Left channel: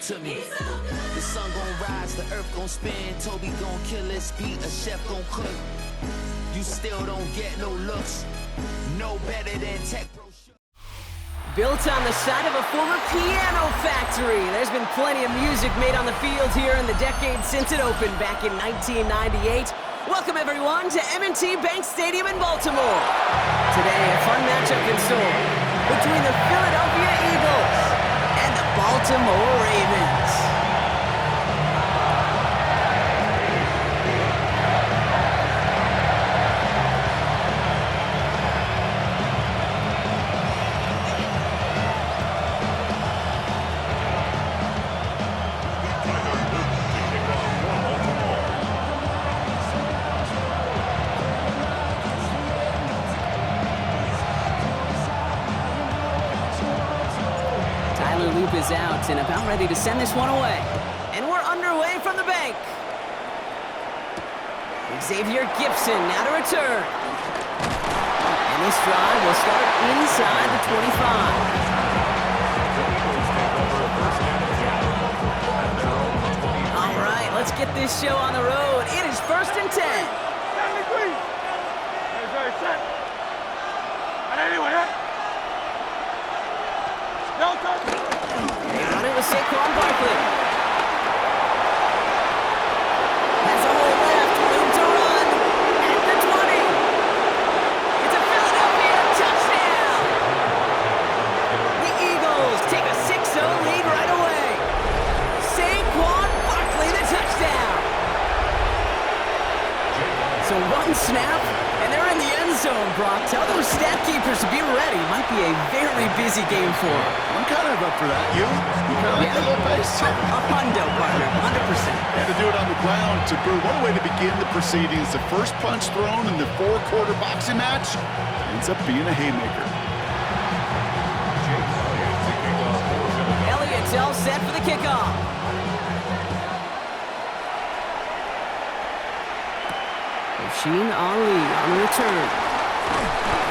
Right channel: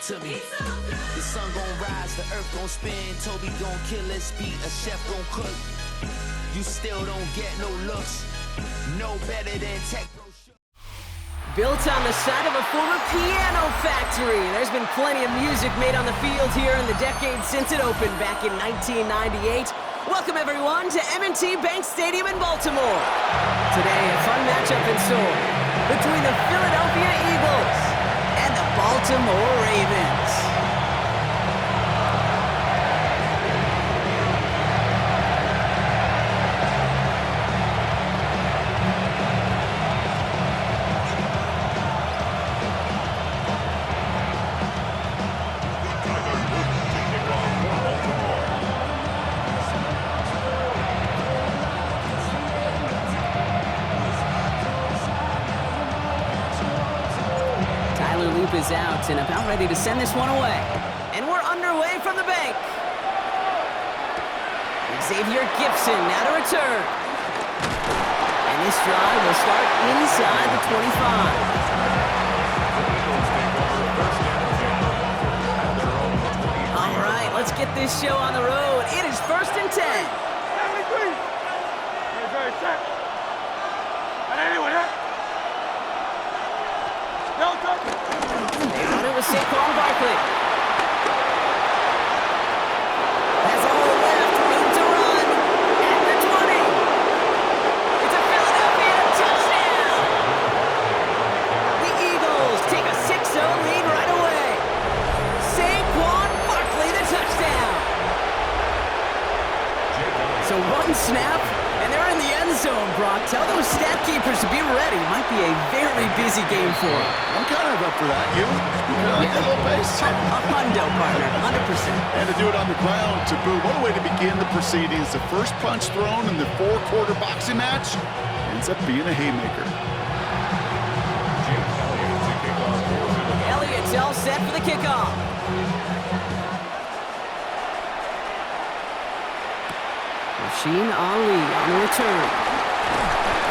to me. The sun gon' rise, the earth gon' spin. Toby gon' kill this beat, a chef gon' cook. You still don't get no looks. No better than Tech Pro. Built on the side of a former piano factory, there's been plenty of music made on the field here in the decade since it opened back in 1998. Welcome everyone to M&T Bank Stadium in Baltimore. Today, a fun matchup in store between the Philadelphia Eagles and the Baltimore Ravens. Loop is out and about ready to send this one away. And we're underway from the bank. Xavier Gipson now to return. And this drive will start inside the 25. All right, let's get this show on the road. It is 1st and 10. They run it with Saquon Barkley. Has a hole left, room to run. At the 20. It's a Philadelphia touchdown. The Eagles take a 6-0 lead right away. Saquon Barkley, the touchdown. So one snap, and they're in the end zone, Brock. Tell those stat keepers to be ready. Might be a very busy game for them. I'm kind of up for that. You kind of like that little pace? A hundo, partner, 100%. And to do it on the ground, to boot. What a way to begin the proceedings. The first punch thrown in the 4-quarter boxing match ends up being a haymaker. Elliott's all set for the kickoff. Rasheen Ali on the return.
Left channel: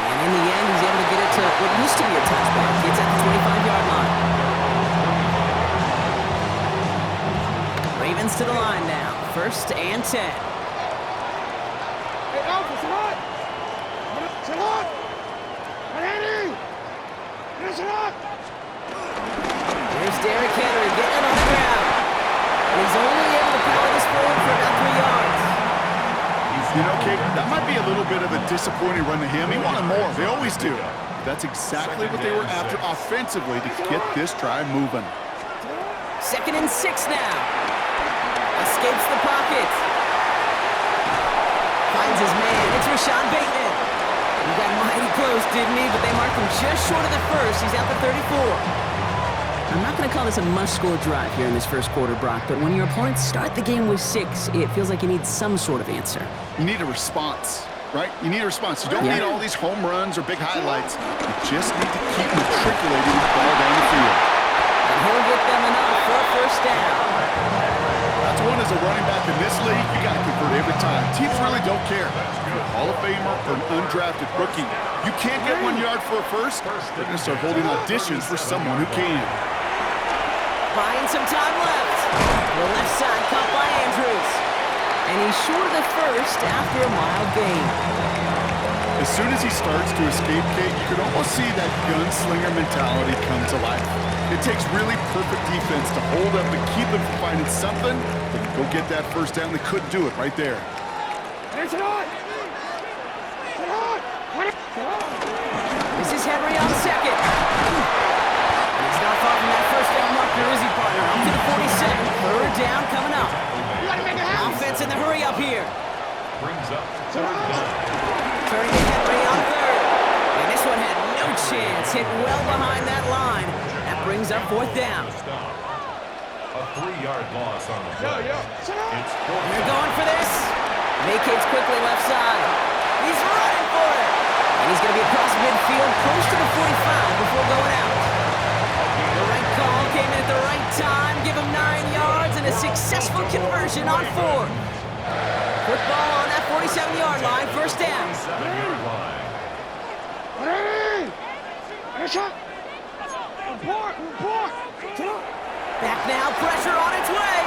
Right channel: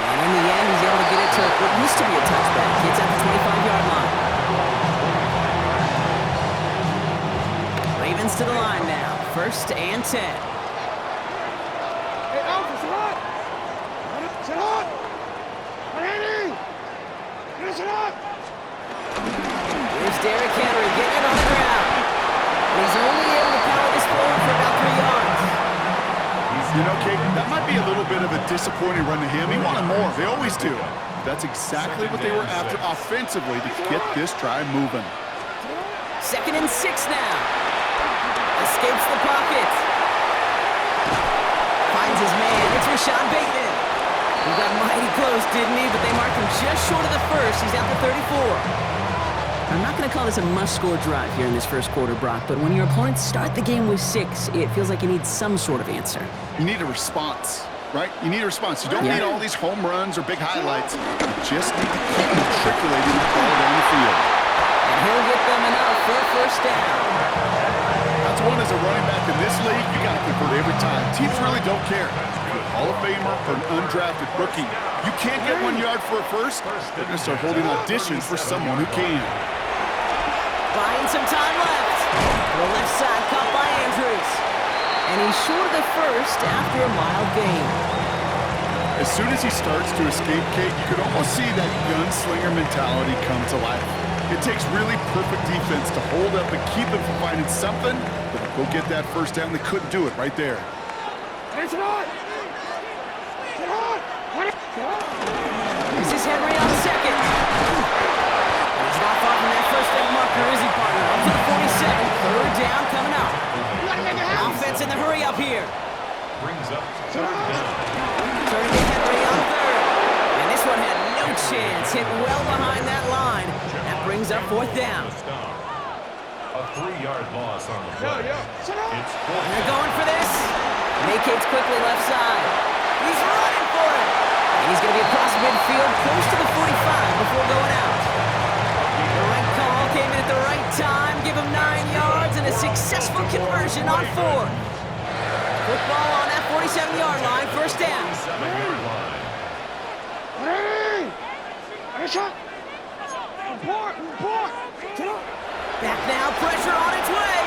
And in the end, he's able to get it to what used to be a touchback. It's at the 25-yard line. Ravens to the line now. 1st and 10. Hey, Alpha, sit hot! Sit hot! Ready! Sit hot! Here's Derrick Henry getting it on the ground. And he's only able to power this forward for about 3 yards. You know, Kate, that might be a little bit of a disappointing run to him. He wanted more. They always do. That's exactly what they were after offensively to get this drive moving. 2nd and 6 now. Escapes the pocket. Finds his man. It's Rashad Bateman. He got mighty close, didn't he? But they marked him just short of the first. He's at the 34. I'm not going to call this a must-score drive here in this first quarter, Brock, but when your opponents start the game with 6, it feels like you need some sort of answer. You need a response, right? You need a response. You don't need all these home runs or big highlights. You just need to keep matriculating the ball down the field. And he'll get them enough for a 1st down. That's one as a running back in this league, you got to convert every time. Teams really don't care. Hall of Famer or an undrafted rookie. You can't get 1 yard for a first, they're going to start holding auditions for someone who can. Buying some time left. The left side caught by Andrews. And he's short of the first after a mild gain. As soon as he starts to escape, Kate, you can almost see that gunslinger mentality come to life. It takes really perfect defense to hold up and keep them from finding something that can go get that 1st down. They couldn't do it right there. Sit hot! Sit hot! This is Henry on 2nd. He's not far from that 1st down marker, is he, partner? Up to the 47. 3rd down coming up. Offense in the hurry up here. Brings up 3rd down. Turning to Henry on 3rd. And this one had no chance. Hit well behind that line. That brings up 4th down. A 3-yard loss on the play. It's 4th. And they're going for this. Vacates quickly left side. He's running for it. And he's going to be across midfield, close to the 45 before going out. The right call came in at the right time. Give him 9 yards and a successful conversion on 4th. Football on that 47-yard line. 1st down. 7-yard line. Ready! Shot! Report! Back now, pressure on its way.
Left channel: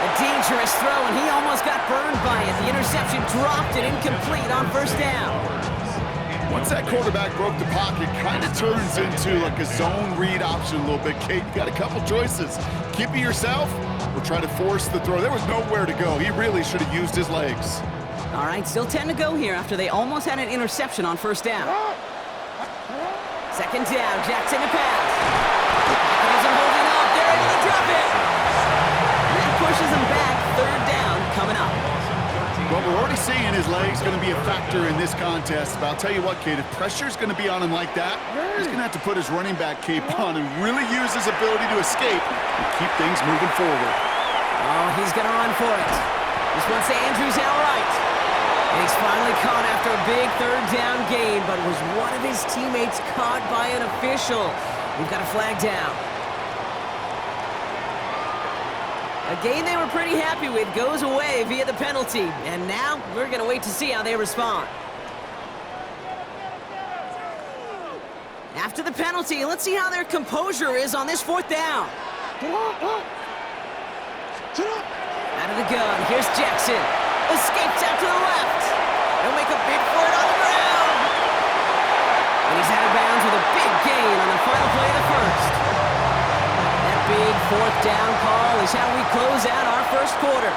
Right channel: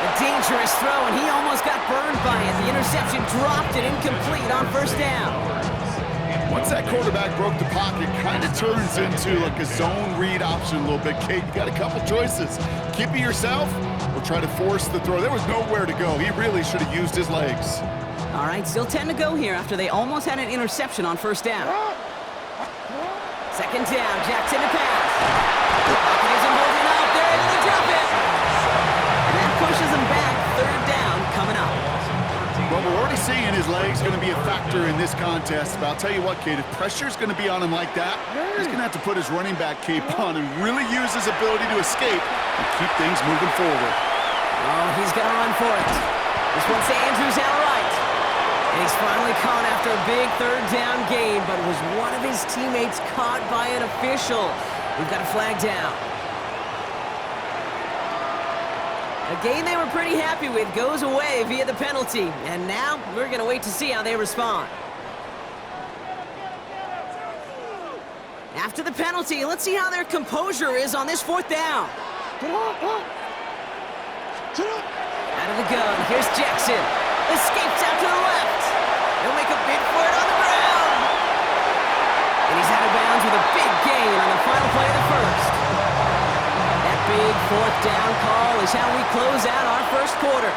A dangerous throw, and he almost got burned by it. The interception dropped and incomplete on first down. Once that quarterback broke the pocket, kind of turns into like a zone read option a little bit. Kate, you got a couple choices. Keep it yourself or try to force the throw. There was nowhere to go. He really should have used his legs. All right, still 10 to go here after they almost had an interception on first down. Second down, Jackson to pass. Pocket isn't holding up. They're able to drop it. And that pushes them back. Third down coming up. Well, we're already seeing his legs going to be a factor in this contest. But I'll tell you what, Kate, if pressure's going to be on him like that, he's going to have to put his running back cape on and really use his ability to escape and keep things moving forward. Oh, he's going to run for it. This one's to Andrews out right. And he's finally caught after a big third down gain, but was one of his teammates caught by an official? We've got a flag down. A game they were pretty happy with goes away via the penalty. And now we're going to wait to see how they respond. After the penalty, let's see how their composure is on this fourth down. Out of the gun, here's Jackson. Escapes out to the left. He'll make a bid for it on the ground. And he's out of bounds with a big gain on the final play of the first. That big fourth down call is how we close out our first quarter.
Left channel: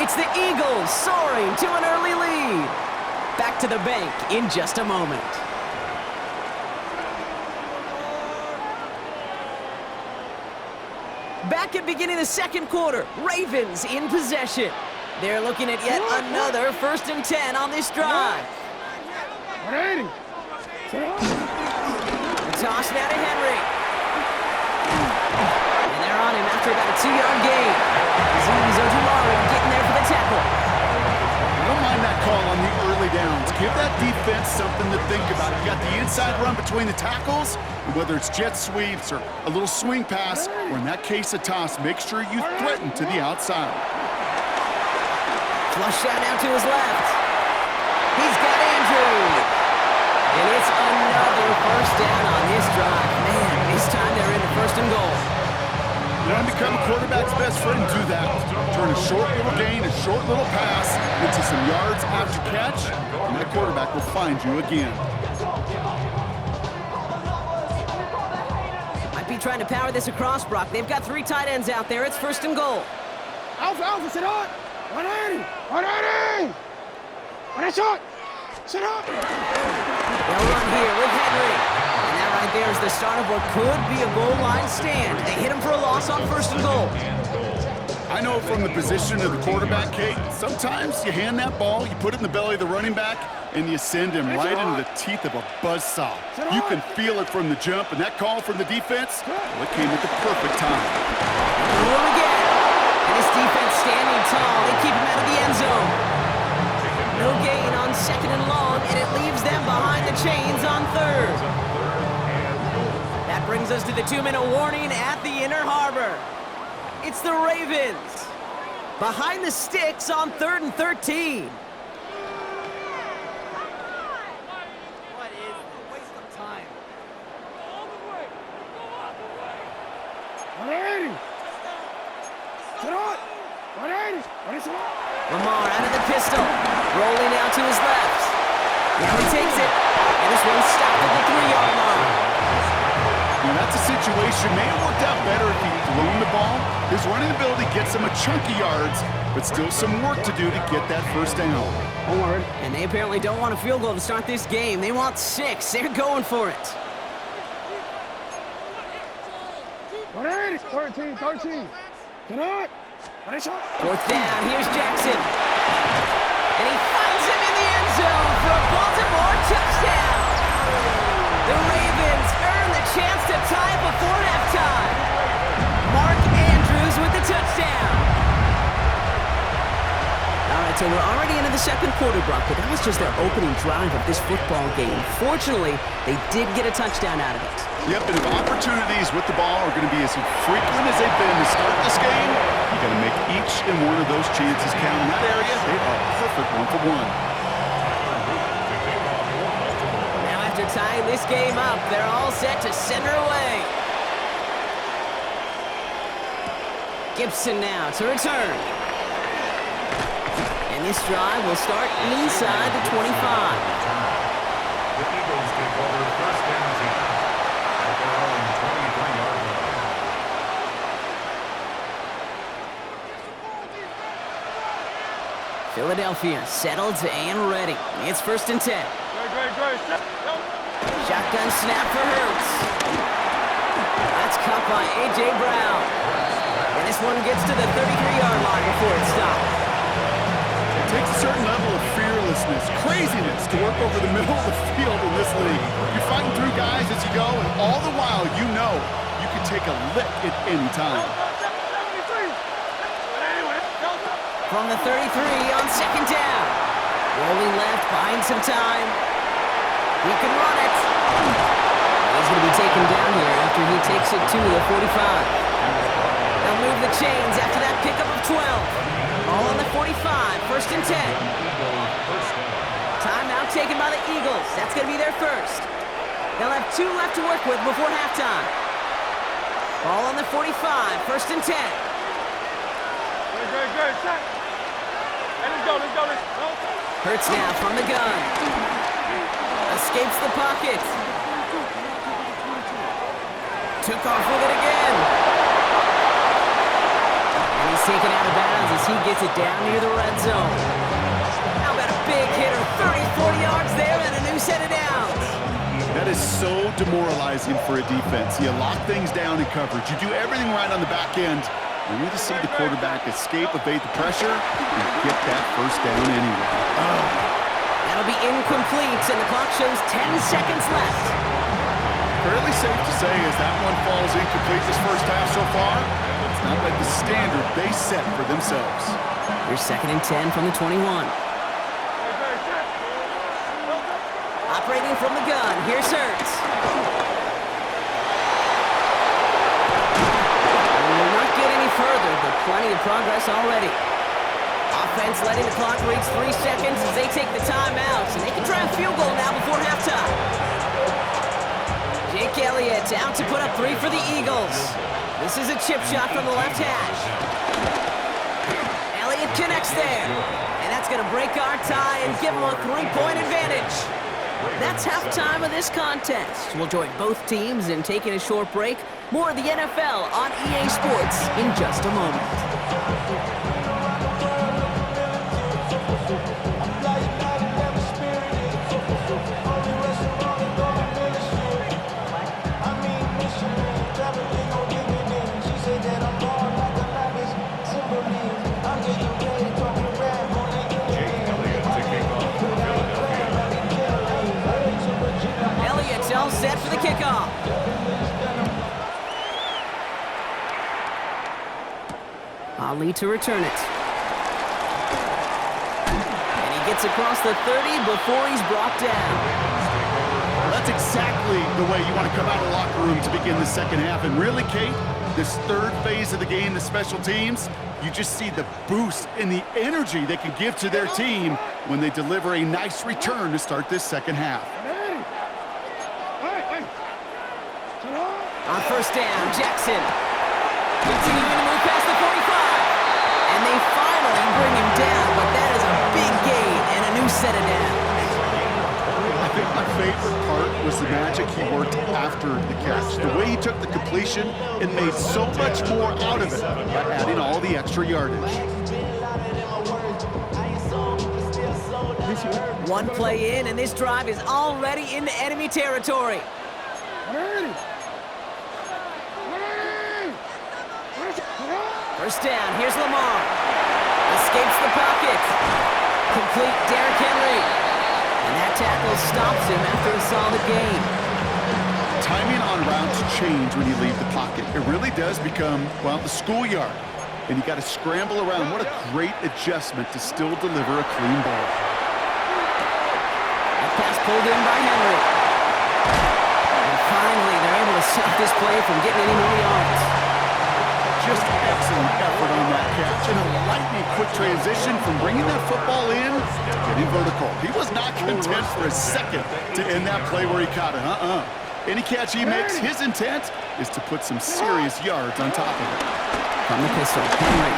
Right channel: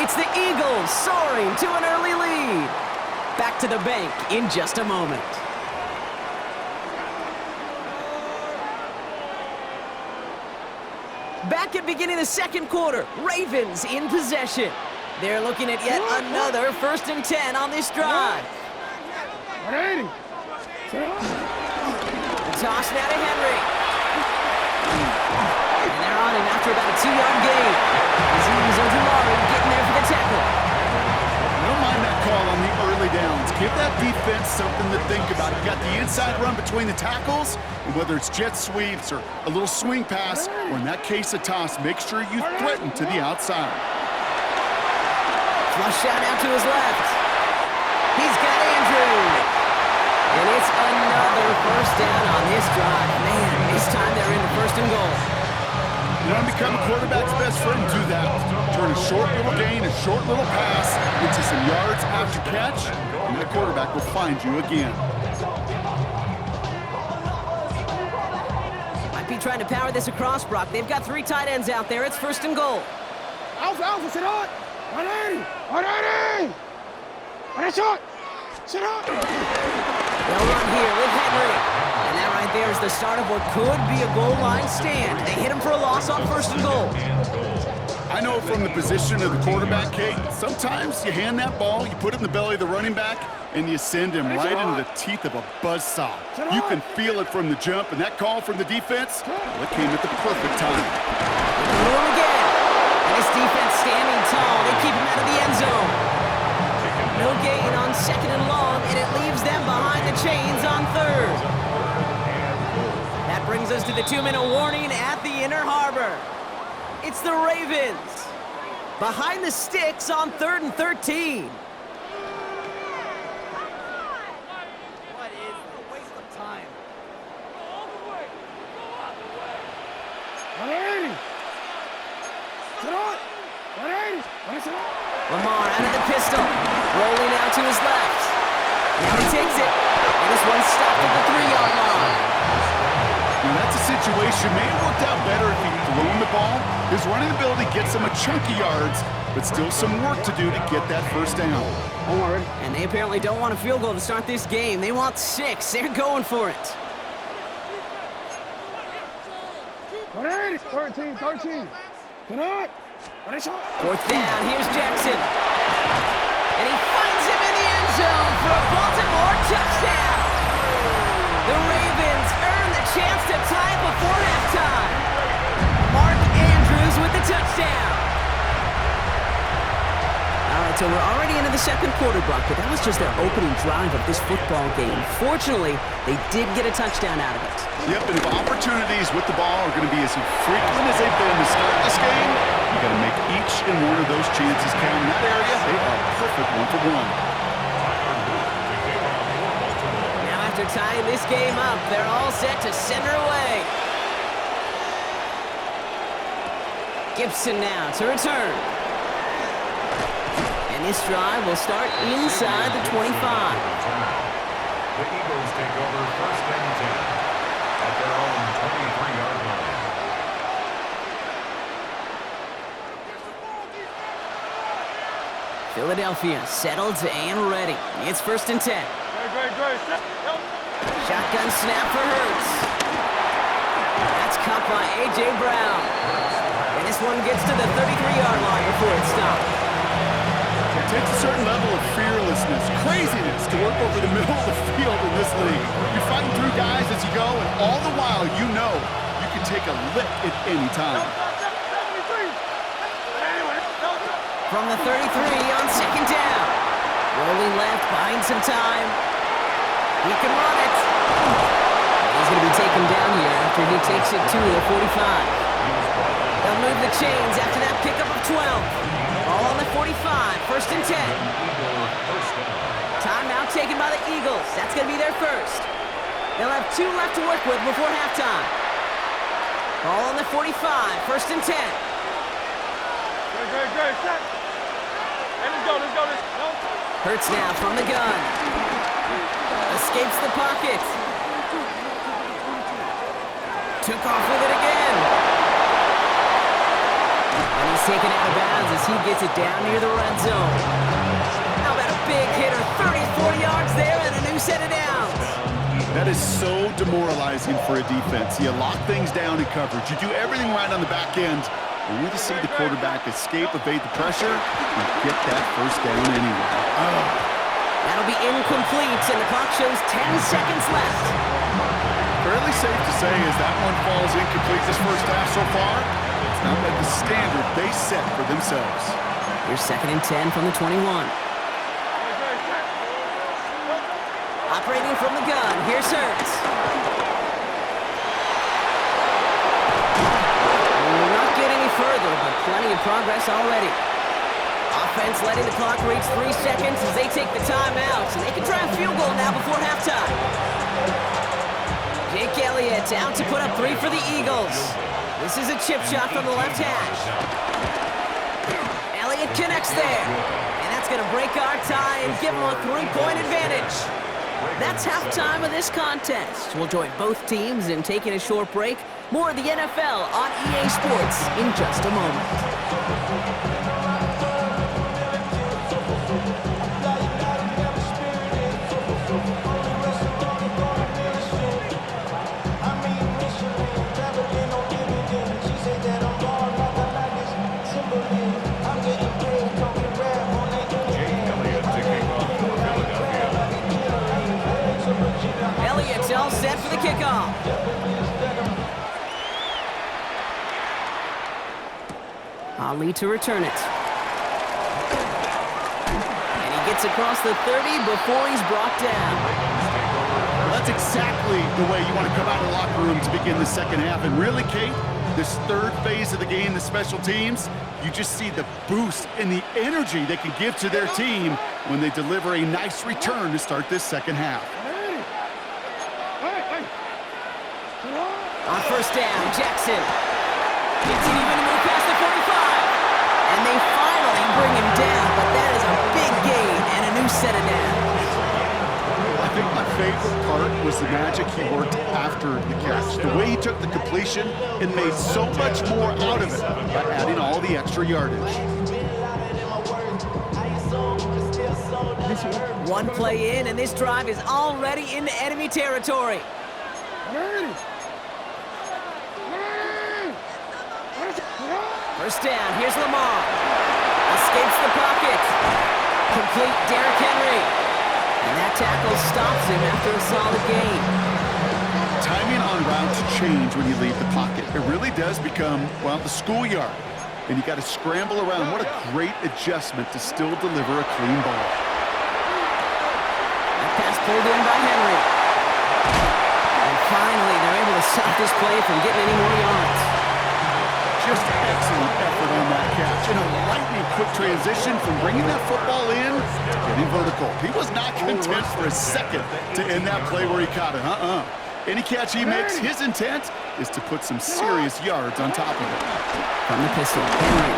It's the Eagles soaring to an early lead. Back to the bank in just a moment. Back at beginning of the second quarter, Ravens in possession. They're looking at yet another 1st and 10 on this drive. The toss now to Henry. And they're on him after about a 2-yard gain. Azeez Ojulari getting there for the tackle. I don't mind that call on the early downs. Give that defense something to think about. You got the inside run between the tackles, and whether it's jet sweeps or a little swing pass, or in that case a toss, make sure you threaten to the outside. Flush out now to his left. He's got Andrews. And it's another first down on this drive. Man, this time they're into 1st and goal. You want to become a quarterback's best friend, do that. Turn a short little gain, a short little pass into some yards after catch, and that quarterback will find you again. Might be trying to power this across, Brock. They've got 3 tight ends out there. It's 1st and goal. Alpha, sit on! 180! 180! What a shot! Sit on! They'll run here with Henry. And that right there is the start of what could be a goal line stand. They hit him for a loss on 1st and goal. I know from the position of the quarterback, Kate, sometimes you hand that ball, you put it in the belly of the running back, and you send him right into the teeth of a buzzsaw. You can feel it from the jump, and that call from the defense, well, it came at the perfect time. They go to him again. And his defense standing tall. They keep him out of the end zone. No gain on 2nd and long, and it leaves them behind the chains on 3rd. That brings us to the 2-minute warning at the Inner Harbor. It's the Ravens behind the sticks on 3rd and 13. What is a waste of time? Go all the way! Go all the way! 180! Sit on! 180! What is it? Lamar out of the pistol, rolling out to his left. Now he takes it, and this one's stopped at the 3-yard line. Now that's a situation, may have worked out better if he'd thrown the ball. His running ability gets him a chunk of yards, but still some work to do to get that 1st down. And they apparently don't want a field goal to start this game. They want 6. They're going for it. 180! 13! Sit on! What a shot! 4th down, here's Jackson. And he finds him in the end zone for a Baltimore touchdown. The Ravens earn the chance to tie before halftime. Mark Andrews with the touchdown. All right, so we're already into the second quarter, Brock, but that was just their opening drive of this football game. Fortunately, they did get a touchdown out of it. Yep, and if opportunities with the ball are going to be as frequent as they've been to start this game, you got to make each and one of those chances count. In that area, they are a perfect 1-for-1. Now after tying this game up, they're all set to send her away. Gibson now to return. And this drive will start inside the 25. The Eagles take over 1st and 10 at their own 23-yard line. Philadelphia settled and ready. It's 1st and 10. Great. Shotgun snap for Hurts. That's caught by A.J. Brown. And this one gets to the 33-yard line before it stopped. It takes a certain level of fearlessness, craziness to work over the middle of the field in this league. You're fighting through guys as you go, and all the while you know you can take a lick at any time. From the 33 on 2nd down. Rolling left, buying some time. He can run it. And he's going to be taken down here after he takes it to the 45. They'll move the chains after that pickup of 12. All on the 45, 1st and 10. Timeout taken by the Eagles. That's going to be their first. They'll have 2 left to work with before halftime. Ball on the 45, 1st and 10. Great. Set. Hey, let's go. Hurts now from the gun. Escapes the pocket. Took off with it again. And he's taken out of bounds as he gets it down near the red zone. How about a big hitter, 30-40 yards there and a new set of downs. That is so demoralizing for a defense. You lock things down in coverage. You do everything right on the back end. You need to see the quarterback escape, evade the pressure, and get that first down anyway. That'll be incomplete, and the clock shows 10 seconds left. Fairly safe to say as that one falls incomplete this first half so far, it's not like the standard they set for themselves. Here's 2nd and 10 from the 21. Operating from the gun, here's Hurts. Will not get any further, but plenty of progress already. Offense letting the clock reach 3 seconds as they take the timeouts, and they can try a field goal now before halftime. Jake Elliott out to put up 3 for the Eagles. This is a chip shot from the left hash. Elliott connects there, and that's going to break our tie and give them a 3-point advantage. That's halftime of this contest. We'll join both teams in taking a short break. More of the NFL on EA Sports in just a moment. Elliott's all set for the kickoff. Ali to return it. And he gets across the 30 before he's brought down. Well, that's exactly the way you want to come out of the locker room to begin the second half. And really, Kate, this third phase of the game, the special teams, you just see the boost and the energy they can give to their team when they deliver a nice return to start this second half. On 1st down, Jackson continuing to move past the 45. And they finally bring him down, but that is a big gain and a new set of downs. I think my favorite part was the magic he worked after the catch. The way he took the completion and made so much more out of it by adding all the extra yardage. One play in, and this drive is already into enemy territory. First down, here's Lamar. Escapes the pocket. Complete Derrick Henry. And that tackle stops him after a solid gain. Timing on routes change when you leave the pocket. It really does become, well, the schoolyard. And you got to scramble around. What a great adjustment to still deliver a clean ball. That pass pulled in by Henry. And finally, they're able to stop this play from getting any more yards. Just excellent effort on that catch. And a lightning quick transition from bringing that football in to getting vertical. He was not content for a second to end that play where he caught it. Any catch he makes, his intent is to put some serious yards on top of it. From the pistol, Henry.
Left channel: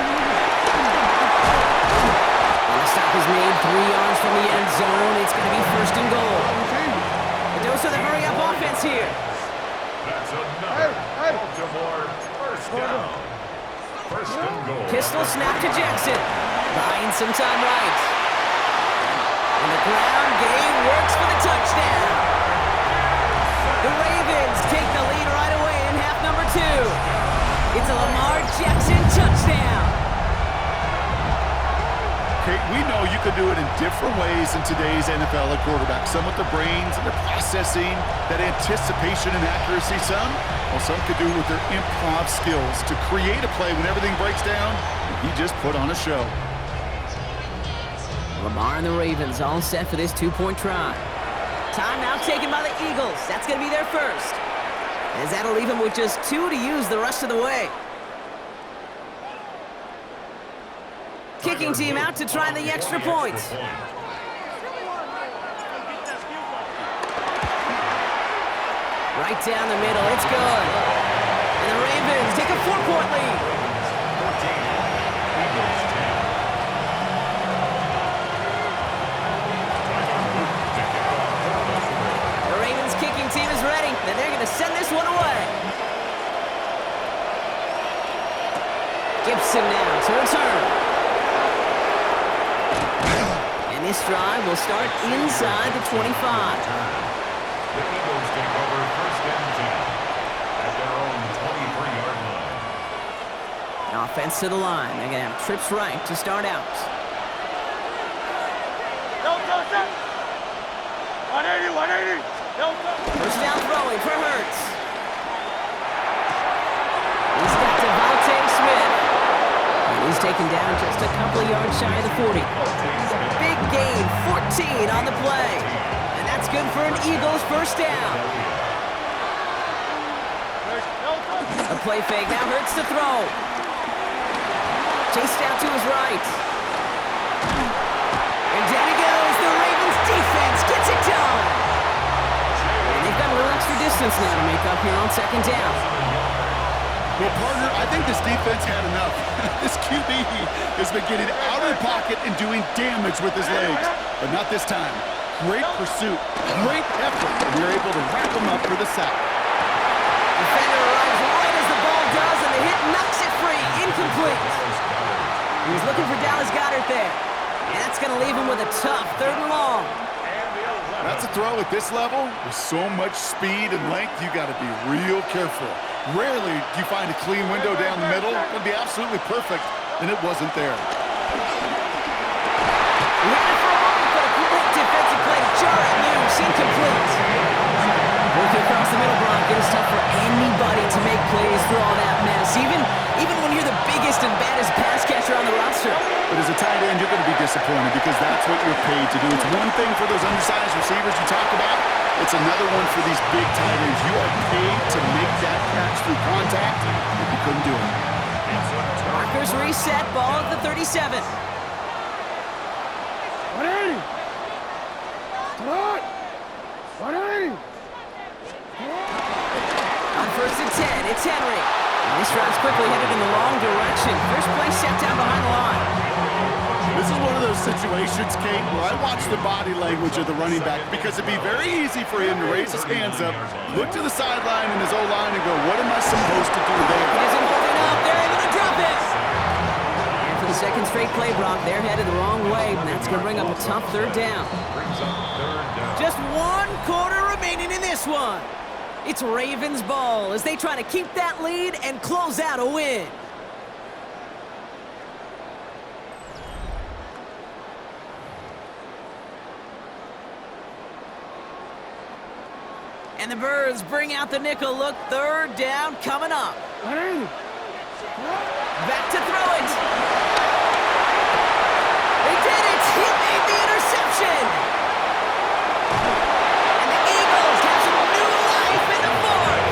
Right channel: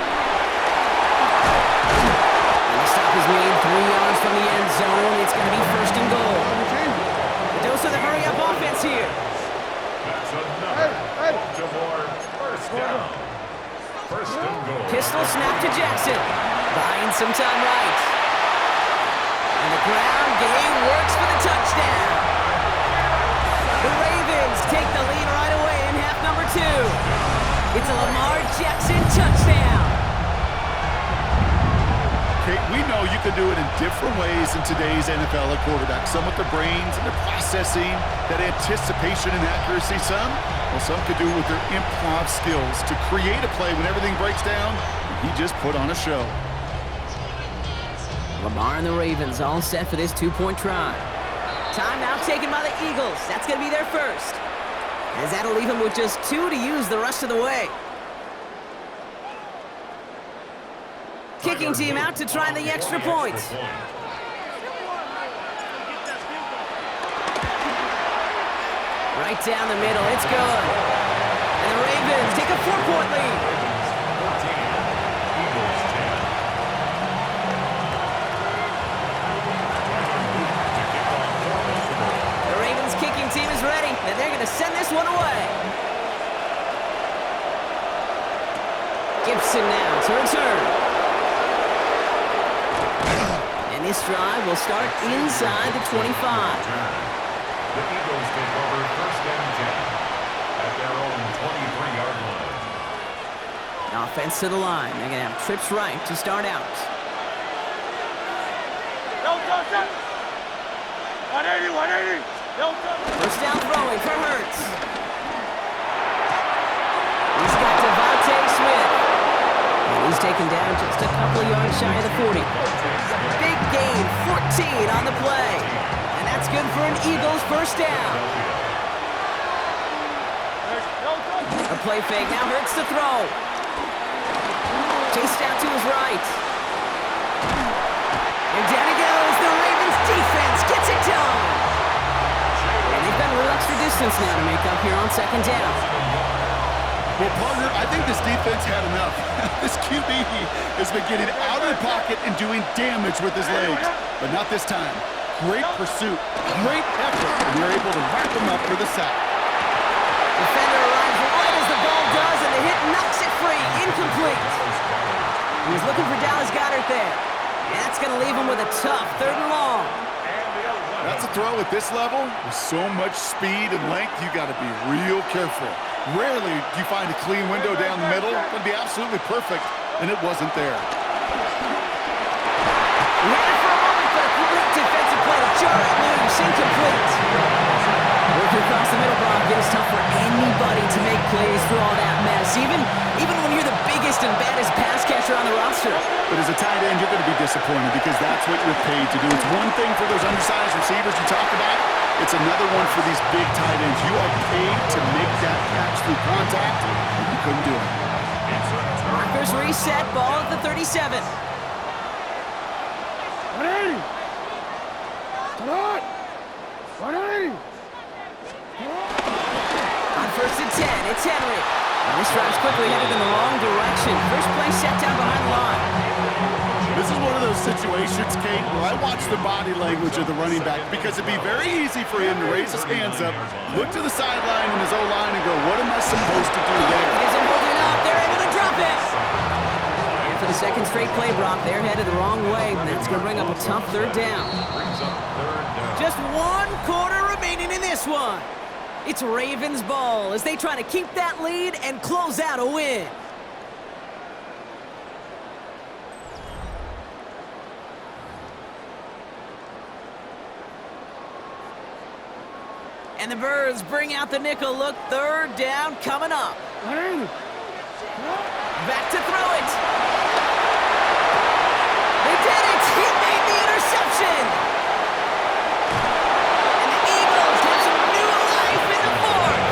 And the stop is made 3 yards from the end zone. It's going to be 1st and goal. The dose of the hurry-up offense here. That's another Baltimore first down. 1st and goal. Pistol snap to Jackson. Buying some time right. And the ground game works for the touchdown. The Ravens take the lead right away in half number 2. It's a Lamar Jackson touchdown. Okay, we know you can do it in different ways in today's NFL at quarterback. Some with their brains and their processing, that anticipation and accuracy. Some could do it with their improv skills to create a play when everything breaks down. He just put on a show. Lamar and the Ravens all set for this 2-point try. Timeout taken by the Eagles. That's going to be their first. As that'll leave them with just 2 to use the rest of the way. Kicking team out to try the extra point. Right down the middle. It's good. And the Ravens take a 4-point lead. 14, Eagles 10. The Ravens kicking team is ready, and they're going to send this one away. Gibson now to return. And this drive will start inside the 25. The Eagles take over 1st and 10 at their own 23-yard line. Offense to the line. They're going to have trips right to start out. 180. 1st down throwing for Hurts. He's got Devontae Smith. And he's taken down just a couple of yards shy of the 40. Big gain, 14 on the play. And that's good for an Eagles 1st down. A play fake, now Hurts to throw. Chased out to his right. And down he goes. The Ravens defense gets it done. And they've got a little extra distance now to make up here on 2nd down. Well, partner, I think this defense had enough. This QB has been getting out of the pocket and doing damage with his legs, but not this time. Great pursuit, great effort, and they're able to wrap him up for the sack. Defender arrives right as the ball does, and the hit knocks it free. Incomplete. He was looking for Dallas Goedert there. And that's going to leave him with a tough 3rd and long. That's a throw at this level. With so much speed and length, you got to be real careful. Rarely do you find a clean window down the middle. It would be absolutely perfect, and it wasn't there. He had it for a moment, but a great defensive play to jar it loose. Incomplete. Working across the middle, Brock, it is tough for anybody to make plays through all that mess, even when you're the biggest and baddest pass catcher on the roster. But as a tight end, you're going to be disappointed because that's what you're paid to do. It's one thing for those undersized receivers you talked about. It's another one for these big tight ends. You are paid to make that catch through contact, and you couldn't do it. Markers reset, ball at the 37. 180. 180. On 1st and 10, it's Henry. And this drive's quickly headed in the wrong direction. First play set down behind the line. This is one of those situations, Kate, where I watch the body language of the running back because it'd be very easy for him to raise his hands up, look to the sideline in his O-line and go, what am I supposed to do there? He isn't holding up. They're able to drop it. And for the 2nd straight play, Brock, they're headed the wrong way. And that's going to bring up a tough 3rd down. Just 1 quarter remaining in this one. It's Ravens ball as they try to keep that lead and close out a win. And the Birds bring out the nickel look. 3rd down coming up. 180. Back to throw it. They did it. He made the interception. And the Eagles have some new life in the 4th.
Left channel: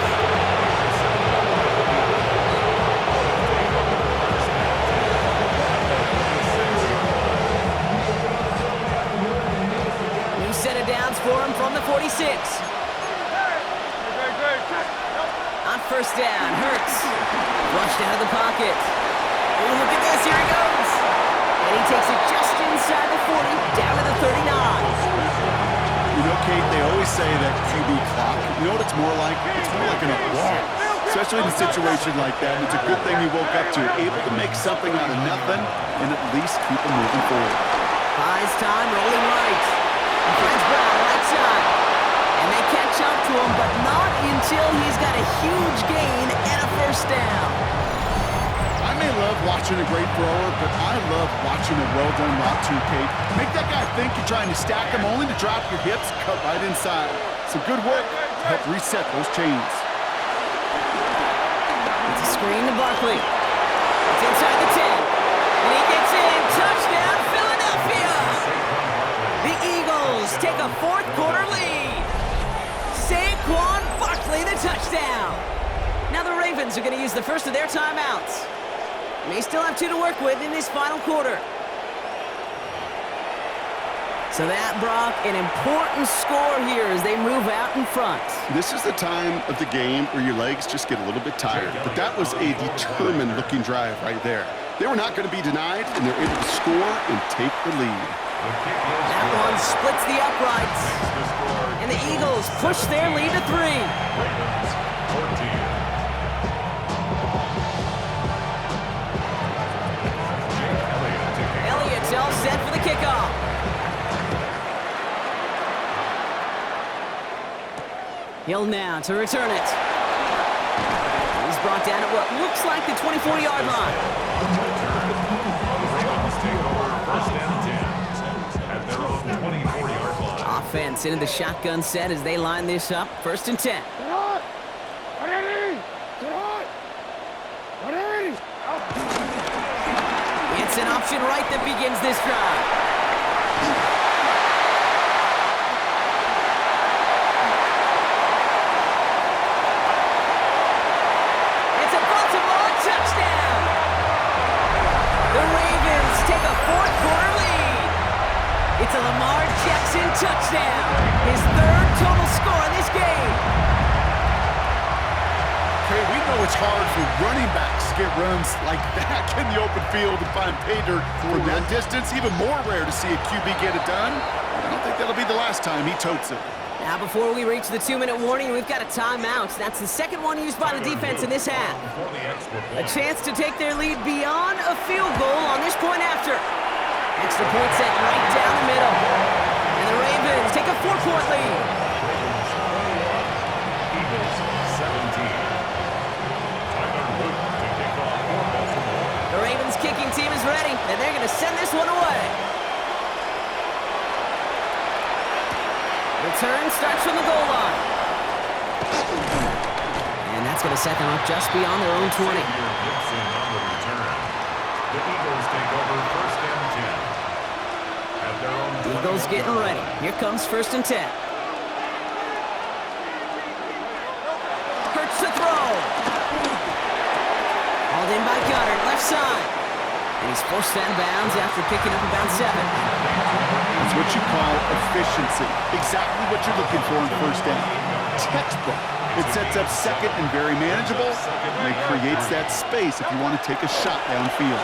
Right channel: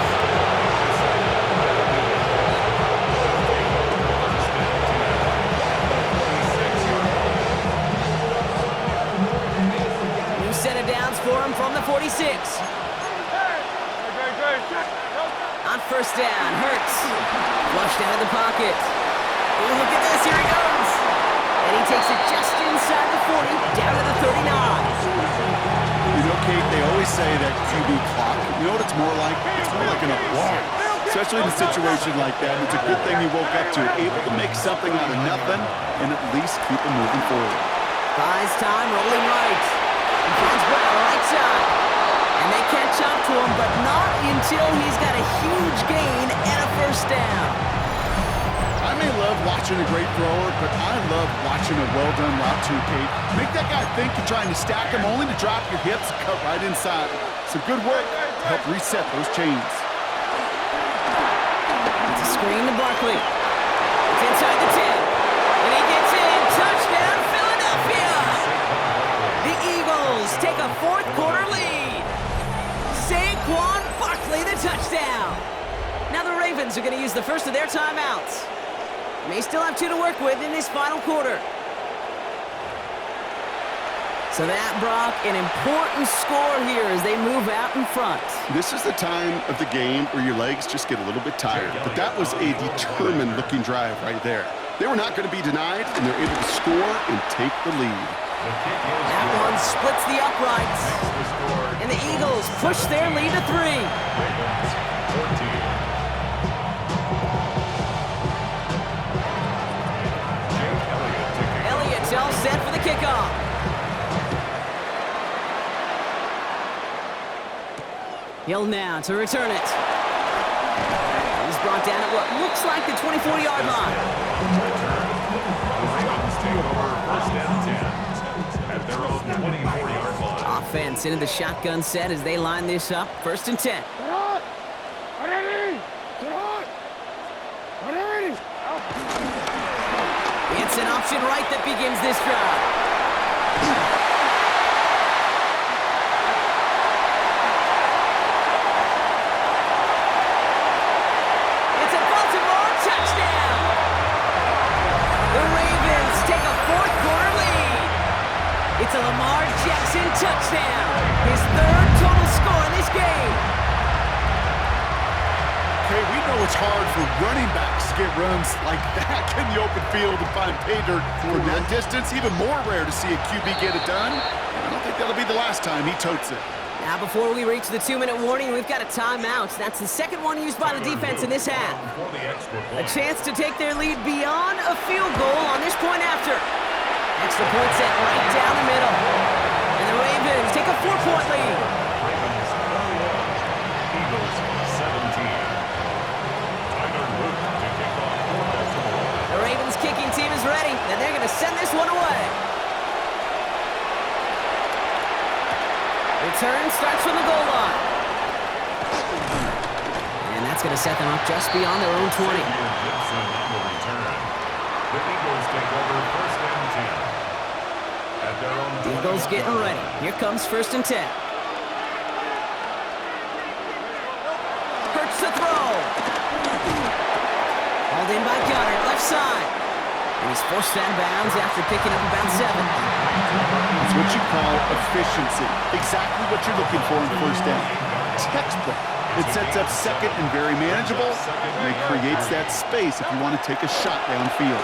New set of downs for him from the 46. first down. Hurts. Flushed out of the pocket. Oh, look at this. Here he goes. And he takes it just inside the 40, down to the 39. You know, Kate, they always say that QB clock. You know what it's more like? It's more like an applause. Especially in a situation like that. And it's a good thing he woke up to. Able to make something out of nothing and at least keep him moving forward. Buys time, rolling right. He finds Brown right side. And they catch up to him, but not until he's got a huge gain and a first down. I may love watching a great thrower, but I love watching a well-done route too, Kate. Make that guy think you're trying to stack him only to drop your hips and cut right inside. Some good work to help reset those chains. It's a screen to Barkley. It's inside the 10. And he gets in. Touchdown, Philadelphia! The Eagles take a fourth quarter lead. Saquon Barkley, the touchdown. Now the Ravens are going to use the first of their timeouts. May still have 2 to work with in this final quarter. So that, Brock, an important score here as they move out in front. This is the time of the game where your legs just get a little bit tired. But that was a determined-looking drive right there. They were not going to be denied, and they're able to score and take the lead. That one splits the uprights. And the Eagles push their lead to 3. Ravens 14. Elliott's all set for the kickoff. Hill now to return it. He's brought down at what looks like the 24-yard line. The Ravens take over first and 10 at their own 24-yard line. Offense into the shotgun set as they line this up. First and 10. It's an option right that begins this drive. It's a Baltimore touchdown. The Ravens take a fourth quarter lead. It's a Lamar Jackson touchdown. His 3rd total score in this game. Okay, we know it's hard for running backs to get runs like that in the open field and find pay dirt from that distance. Even more rare to see a QB get it done. I don't think that'll be the last time he totes it. Now, before we reach the 2-minute warning, we've got a timeout. That's the second one used by the defense in this half. A chance to take their lead beyond a field goal on this point after. Extra point set right down the middle. And the Ravens take a 4-point lead. Ravens 21, Eagles 17. To kick off for Baltimore. The Ravens kicking team is ready, and they're going to send this one away. Return starts from the goal line. And that's going to set them up just beyond their own 20. Xavier Gibson on the return. The Eagles take over first and 10 at their own 20. Eagles getting ready. Here comes first and 10. Hurts to throw. Hauled in by Goddard, left side. And he's forced out of bounds after picking up about 7. That's what you call efficiency. Exactly what you're looking for in first down. Textbook. It sets up second and very manageable, and it creates that space if you want to take a shot downfield.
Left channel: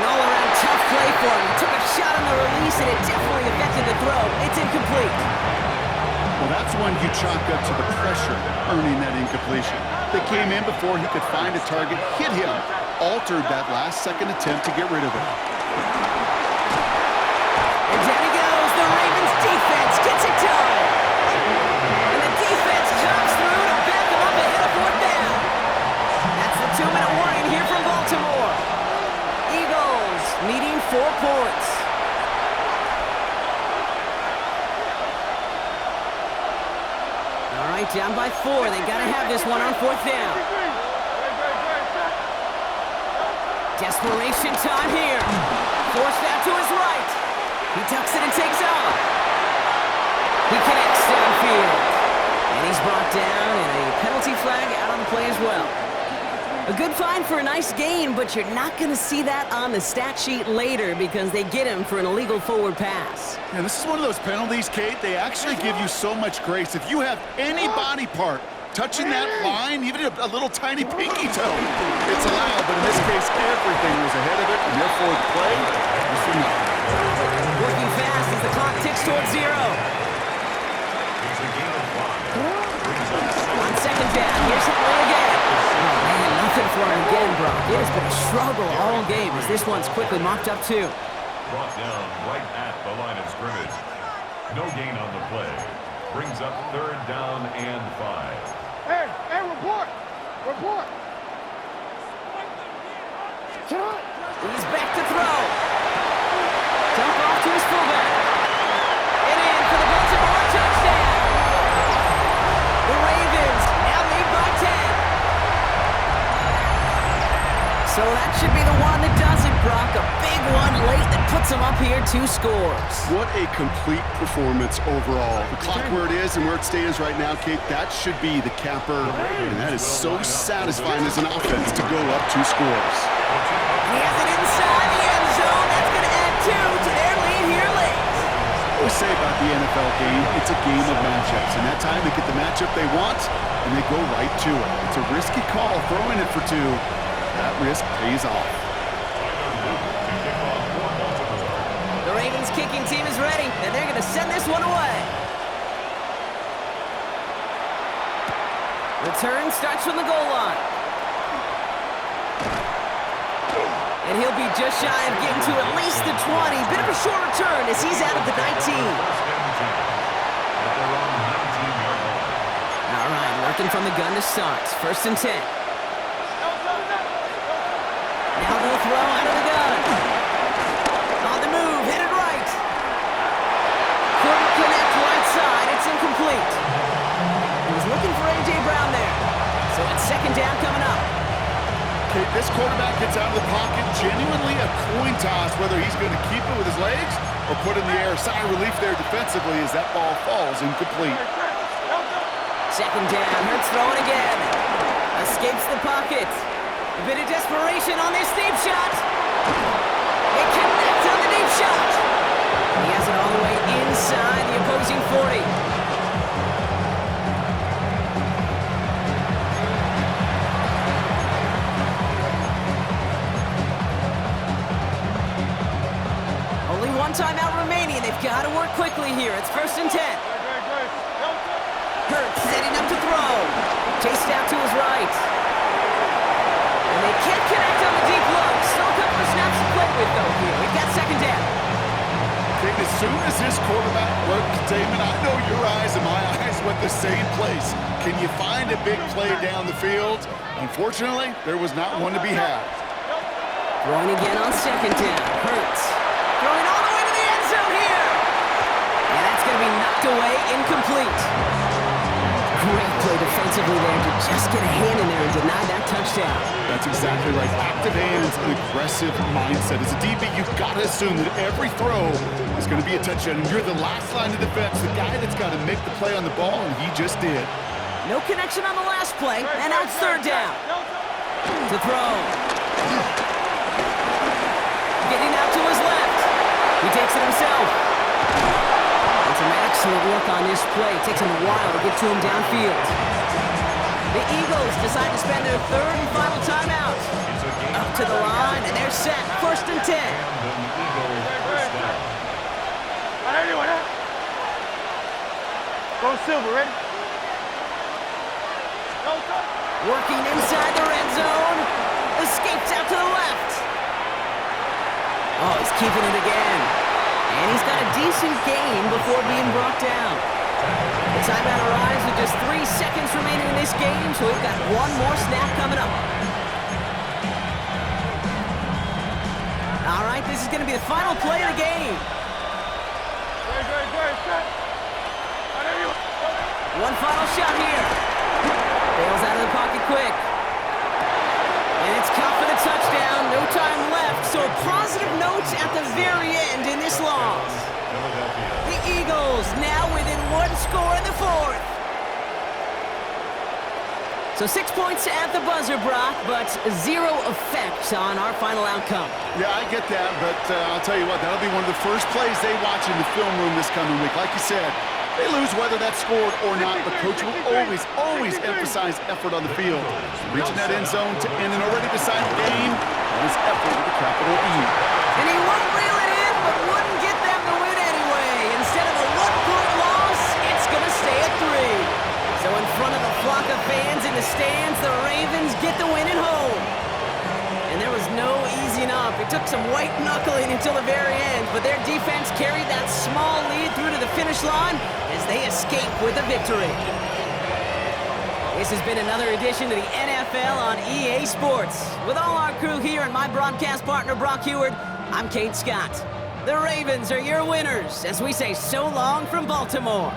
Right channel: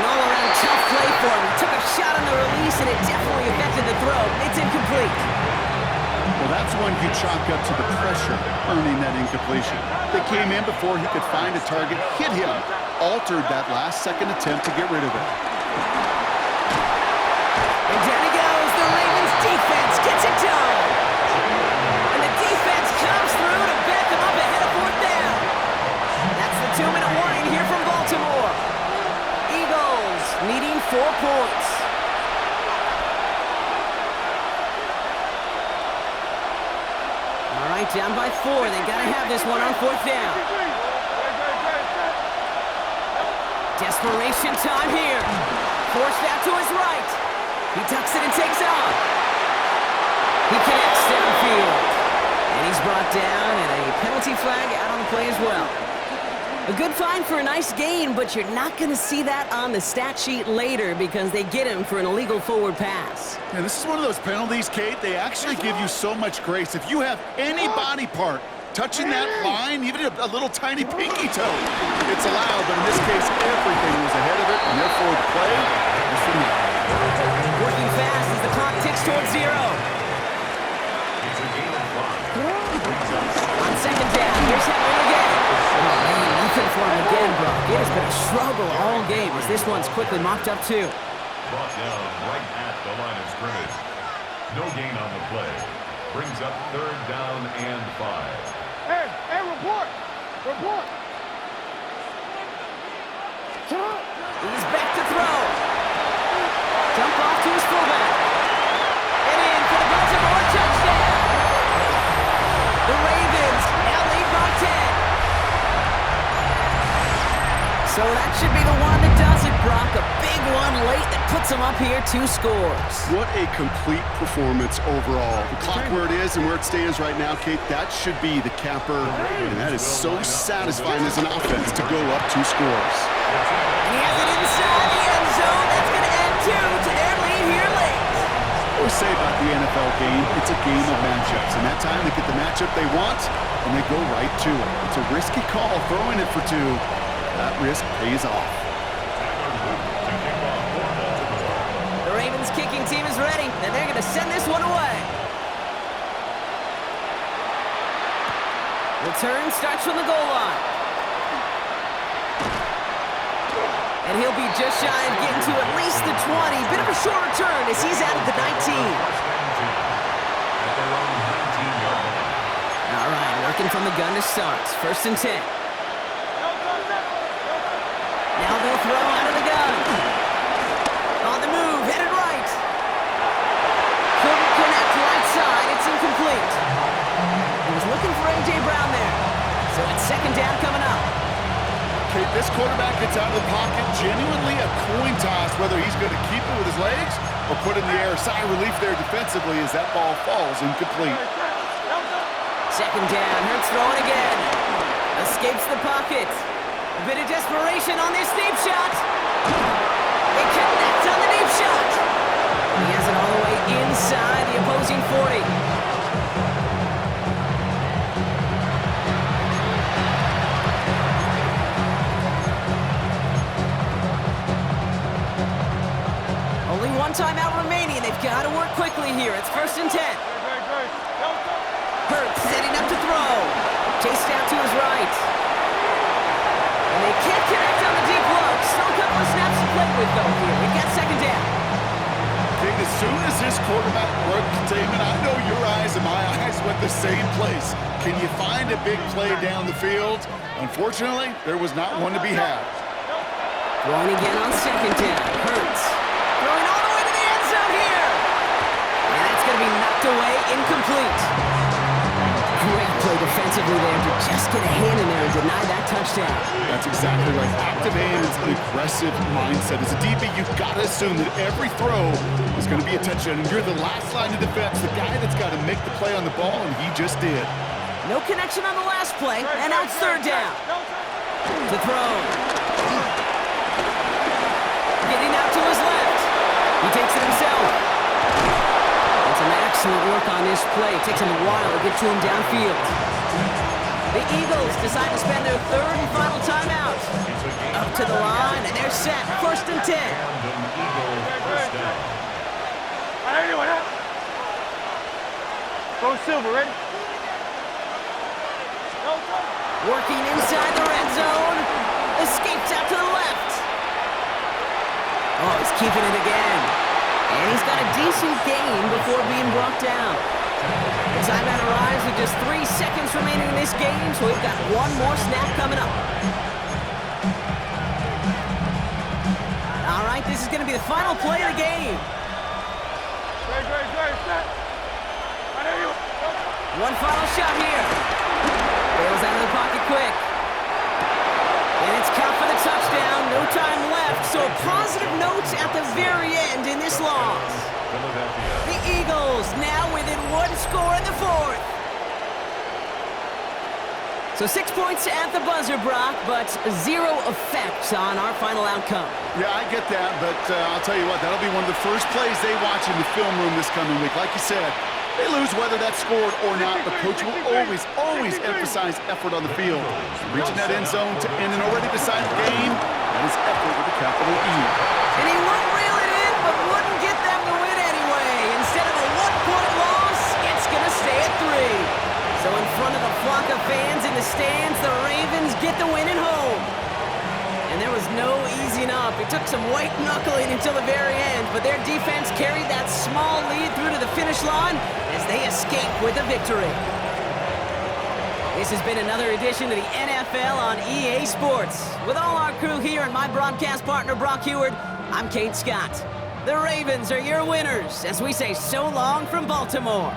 An all-around tough play for him. He took a shot on the release, and it definitely affected the throw. It's incomplete. Well, that's one you chalk up to the pressure earning that incompletion. They came in before he could find a target, hit him, altered that last-second attempt to get rid of it. And down he goes. The Ravens defense gets it done. And the defense comes through to back them up ahead of 4th down. That's the 2-minute warning here from Baltimore. Eagles needing 4 points. All right, down by 4. They got to have this one on 4th down. Desperation time here. Forced out to his right. He tucks it and takes off. He connects downfield. And he's brought down, and a penalty flag out on the play as well. A good find for a nice gain, but you're not going to see that on the stat sheet later because they get him for an illegal forward pass. Yeah, this is one of those penalties, Kate. They actually give you so much grace. If you have any body part touching that line, even a little tiny pinky toe. It's allowed, but in this case, everything was ahead of it, and therefore the play was for nothing. Working fast as the clock ticks towards 0. It's a game of 5. Brings up On second down, here's Henry again. Oh man, nothing for him again, Brock. It has been a struggle all game as this one's quickly mopped up too. brought down right at the line of scrimmage. No gain on the play. Brings up 3rd down and 5. Hey, report! Report! He's back to throw. Dump off to his fullback. And in for the Baltimore touchdown. The Ravens now lead by 10. So that should be the one that does it, Brock. A big one late that puts them up here 2 scores. What a complete performance overall. The clock where it is and where it stands right now, Kate, that should be the capper. And that is so satisfying as an offense to go up 2 scores. And he has it inside the end zone. That's going to add 2 to their lead here late. I always say about the NFL game, it's a game of matchups. And that time they get the matchup they want, and they go right to it. It's a risky call throwing it for 2. That risk pays off. To kick off for Baltimore. The Ravens kicking team is ready, and they're going to send this one away. Return starts from the goal line. And he'll be just shy of getting to at least the 20. Bit of a short return as he's out of the 19. First and 10 at their own 19-yard line. All right, working from the gun to start. 1st and 10. Now they'll throw out of the gun. On the move, headed right. Couldn't connect right side. It's incomplete. He was looking for A.J. Brown there. So it's 2nd down coming up. Kate, this quarterback gets out of the pocket, genuinely a coin toss, whether he's going to keep it with his legs or put it in the air. Sigh of relief there defensively as that ball falls incomplete. 2nd down, Hurts throwing again. Escapes the pocket. A bit of desperation on this deep shot. They connect on the deep shot. He has it all the way inside the opposing 40. Only 1 timeout remaining. They've got to work quickly here. It's 1st and 10. Hurts setting up to throw. Chased out to his right. And they can't connect on the deep low. Still a couple of snaps to play with, though, here. We've got 2nd down. Kate, as soon as this quarterback broke containment, I know your eyes and my eyes went the same place. Can you find a big play down the field? Unfortunately, there was not one to be had. Throwing again on 2nd down. Hurts. Throwing all the way to the end zone here. And that's going to be knocked away, incomplete. Great play defensively there to just get a hand in there and deny that touchdown. That's exactly right. Active hands, an aggressive mindset. As a DB, you've got to assume that every throw is going to be a touchdown. And you're the last line of defense, the guy that's got to make the play on the ball, and he just did. No connection on the last play, and now it's 3rd down. To throw. Getting out to his left. He takes it himself. Some excellent work on this play. It takes them a while to get to him downfield. The Eagles decide to spend their 3rd and final timeout. Up to the line, and they're set. 1st and 10. First down. Go Silver, ready? Working inside the red zone. Escapes out to the left. Oh, he's keeping it again. And he's got a decent gain before being brought down. The timeout arrives with just 3 seconds remaining in this game, so we've got 1 more snap coming up. All right, this is going to be the final play of the game. One final shot here. Bails out of the pocket quick. And it's caught for the touchdown. No time left. So a positive note at the very end in this loss. The Eagles now within 1 score in the 4th. So 6 points at the buzzer, Brock, but 0 effect on our final outcome. Yeah, I get that, but I'll tell you what, that'll be one of the first plays they watch in the film room this coming week. Like you said, They lose whether that's scored or not. The coach will always emphasize effort on the field. Reaching that end zone to end an already decided game, that is effort with a capital E. And he won't reel it in, but wouldn't get them the win anyway. Instead of a 1-point loss, it's going to stay at 3. So in front of the flock of fans in the stands, the Ravens get the win at home. And there was no easing up. It took some white knuckling until the very end, but their defense carried that small lead through to the finish line as they escape with a victory. This has been another edition of the NFL on EA Sports. With all our crew here and my broadcast partner, Brock Heward, I'm Kate Scott. The Ravens are your winners as we say so long from Baltimore.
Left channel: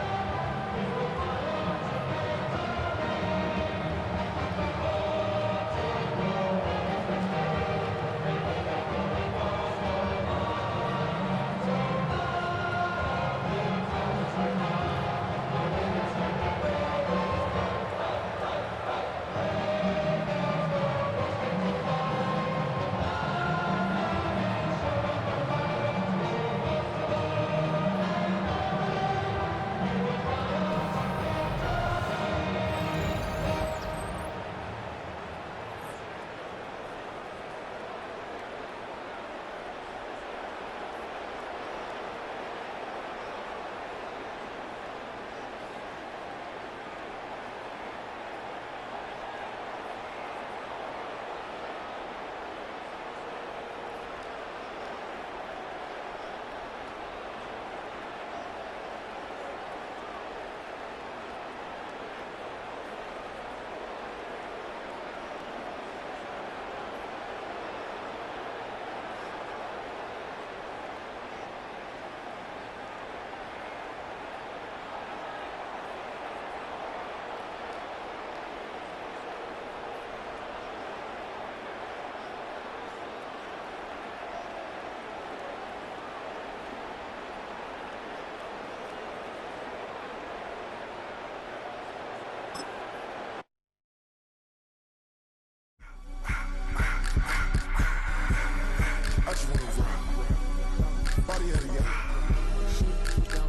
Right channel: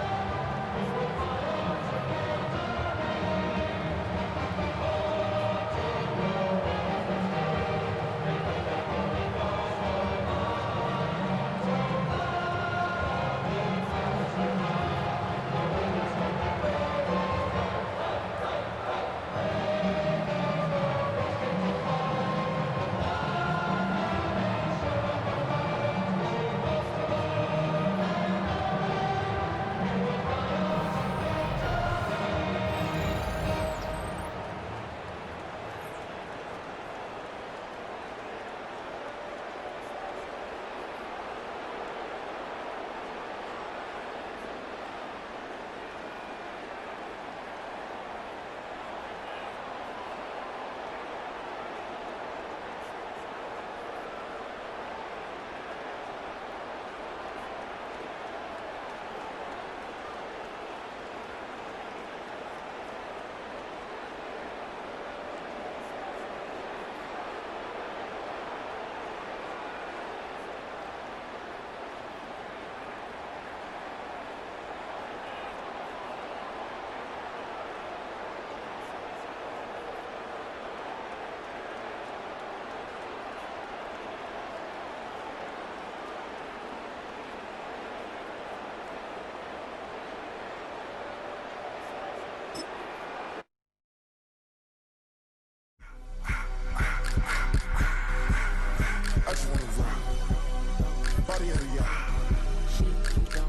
I just wanna rock. Body of the yacht.